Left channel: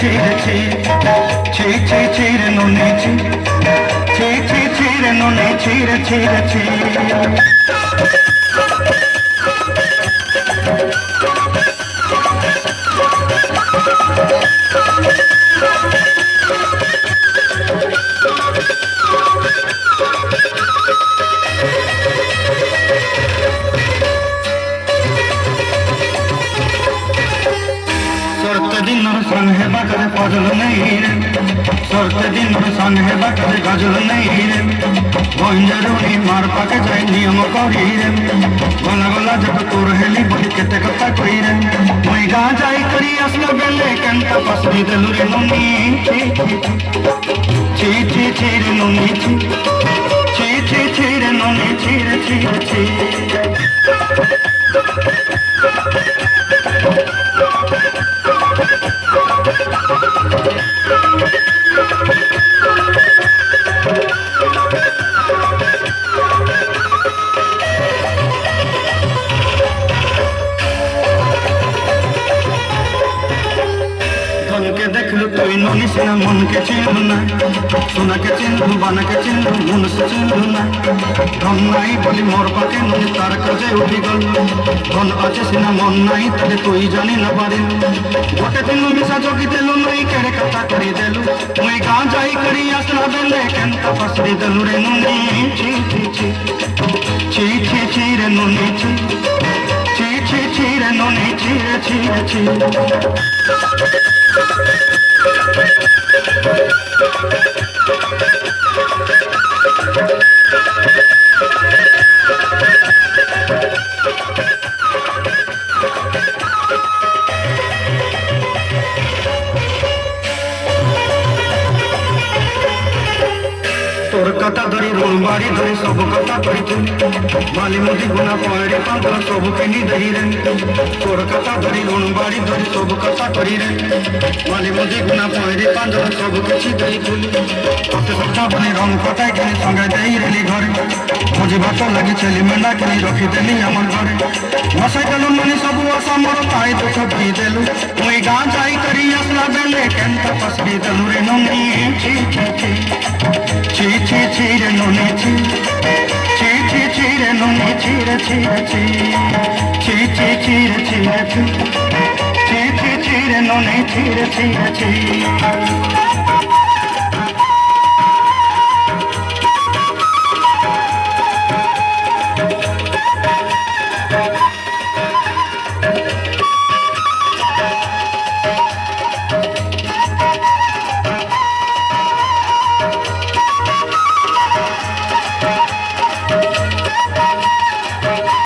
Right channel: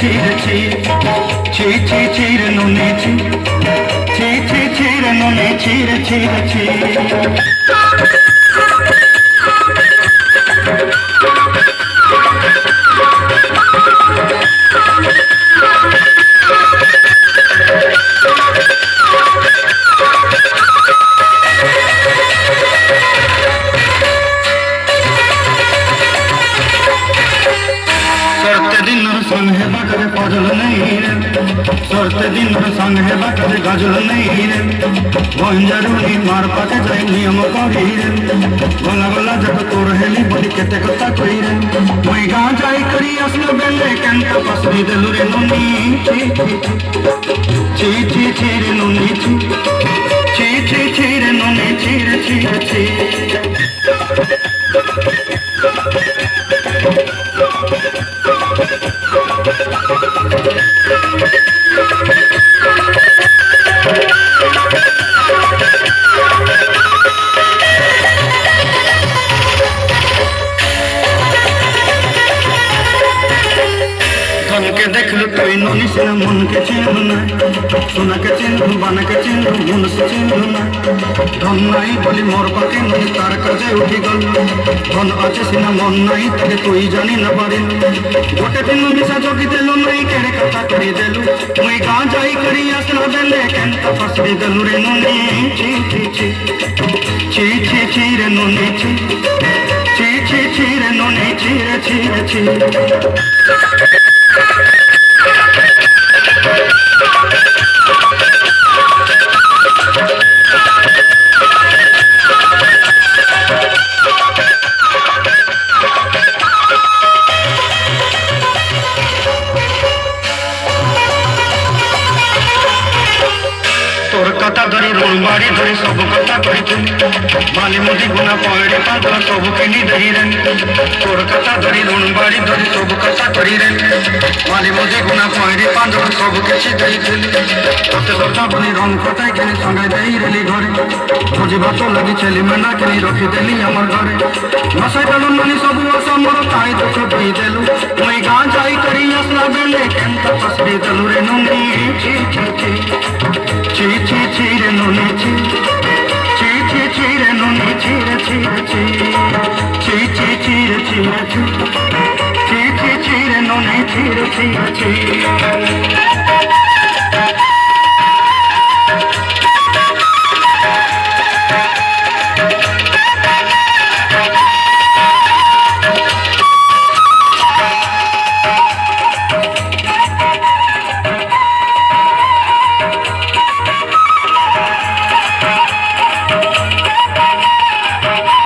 ছিঁড়ে ছি ছি ছি ছিঁড়ে নুনে ছি ছি ছি ছিঁড়ে নুনে ছিঁড়ে ছিঁড়ে ছি सरते दिन संग है बटरे पजल नहीं रे सरते दिन संग है बटरे गजल नहीं रे भंजरुनी मार पाके जाई नियम करी रे गला गला जब तोर हेली बोली केते कथा कई रे मैं गा जाई करी असना बेले केंता पसरी देलु रे नुनी ची ची ची रे नुनी ची ची ची ची रे नुनी ची रे ची रे ची धन के देखलु तुई नुनी सिना मन के चिन्हु ना सोना के चिन्हु बाना के चिन्हु मन से चिन्हु ना धन नहीं बोली मोर पाके नुनी तार कजे उठी गल धन अच्छे सिना मन नहीं तके तुई जानी न पारे गोटे दिन मिसा जोगी देलु नहीं केड़े कथा करी देलु मुई गां जाई करी आसना बेले केंता पसरी देलु रे नुनी ची ची ची ची ची ची रे नुनी ची ची ची ची रे नुनी ची रे ची रे ची तोर कथा धरी रोल मारी धरी सब कथा करी बाली मुदी गुना पड़े पांचल सब किनी दही रे तोर कथा धरी रोल मारी धरी सब कथा करी रे बाली मुदी गुना पड़े पांचल सब किसी दही तोते सफा बनी रंग कटाई के संगे दही रेली घरे मुझे भात लगी छेली मेना के रखी देली हमर घरे नसाई देलु नुनी सब वर्षा मोर ताई दुख दी देलु मुई गां जाई करी असला बेले केंता पसरी देलु रे नुनी ची ची ची ची ची ची रे नुनी ची ची ची ची रे नुनी ची रे ची रे ची ची ची ची रे ची रे ची ची ची ची रे नुनी ची रे ची रे ची